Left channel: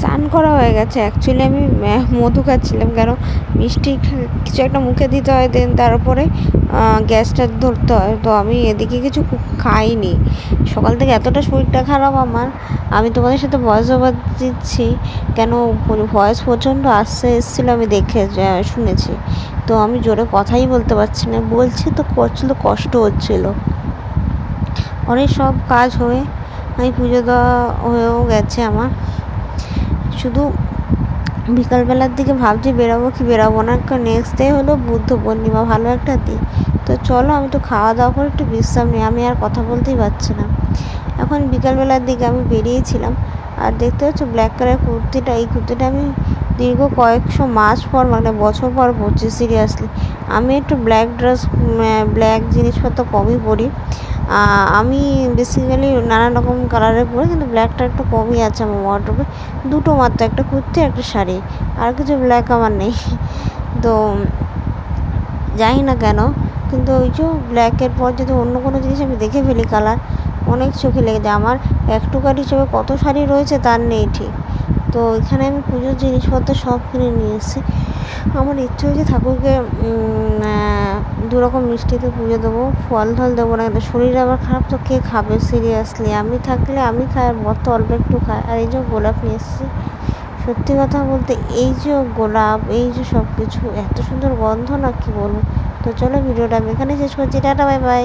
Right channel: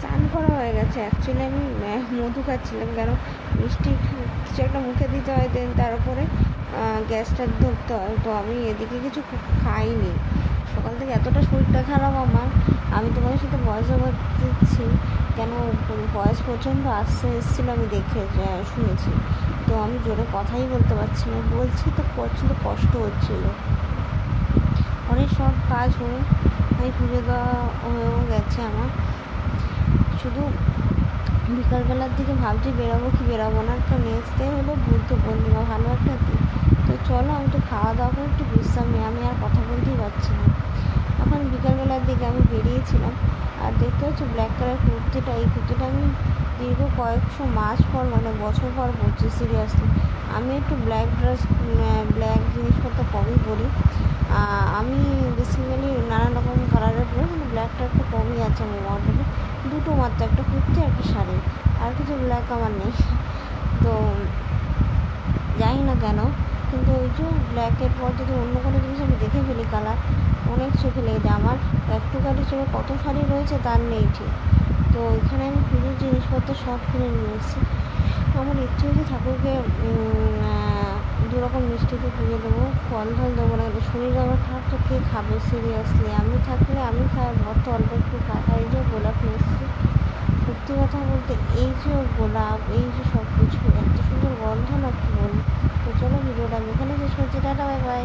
স্নান করা হয়ে গেছে। অ্যাকচুয়ালি আমি মধু খাচ্ছিলাম, কেন মিষ্টি কিছু একটা মুখে দিতে হয়, দেন তারপরে গ্যাসটা ধরতে হয়। তো আমি এদিকে কিছু খাইনি, সকাল থেকে এতটা শরীরটা খারাপ আমার। আমি তোমাদের সাথে ভয়েস ওভার দিচ্ছি, কেন ভয়েস প্রচণ্ড আসছে এসেছিলো, আমি দেখে শুনেছি। তো আমি জোরে কথাই বলতে পারছি না, বলছি তো প্রচণ্ড কষ্ট হচ্ছিলো। অনেক সব কাজ হয়ে আমি পুজো দেওয়া হয়েও গেছে আমার। শুধু বিকালবেলার দিকে ভাবছি বেরাবো কি বেরাবো না, কারণ নেক্সট ডে হলো বুদ্ধ পূর্ণিমা, ভালো একটা দিন। তো চলো আমি তো খাওয়া দাওয়া করে একটু বিশ্রাম নিই, আমি আর কথা বলতেই পারছি না। এখন বিকালবেলার দিকে আমি বেরিয়েছিলাম, আর দেখতে পাচ্ছ ব্ল্যাক কালার কুর্তিটা, এই কুর্তিটা আমি দীর্ঘ কয়েকশো মাস পর, মানে বছর পর পরছি সিরিয়াসলি। আমি একটু ব্ল্যাক ড্রেস, ব্ল্যাক জিনিসপত্র কমই পরি। আমি বেসিক্যালি নানান রকম কালারের পরি, কিন্তু ব্ল্যাকটা একটু কমই আছে আমার ওয়ার্ড্রোবে। দুটো মাত্র, একটা কুর্তি একটা শাড়ি, আর কিছু ব্ল্যাক আমার নেই। তো জানি না কেন, কিন্তু ওই যে ব্ল্যাকের পর যদি অন্য কোনো জিনিস আমি দেখে ফেলি কালার, অনেক চোখে লেগে যায়। আমার একটুকার হিসেবে কত শাড়ি রয়েছে তার নেই ঠিক। তো এখানে আমি পুজোর জিনিসপত্র সব কিনে নিয়ে এসেছি। আমার ইচ্ছে হচ্ছে ঠাকুরকে দুরকম মিষ্টিতে পুজো দেবো, ফল ঢল দেবো না, কিন্তু শরীর আবার খারাপ, তো কে খাবে সিরিয়াসলি। আমি থাকলে আমি খাই, বর তো অল্প একটু খাই। আর এই যে গোলাপ নিয়ে এসেছি, সত্যি কথা বলতে এই যে গোলাপ, এই যে সব কিছু এত সুন্দর গন্ধ, না কি বলবো। তো চলো ভিডিওটা আমি এখানে শেষ করছি, টাটা বাই বাই।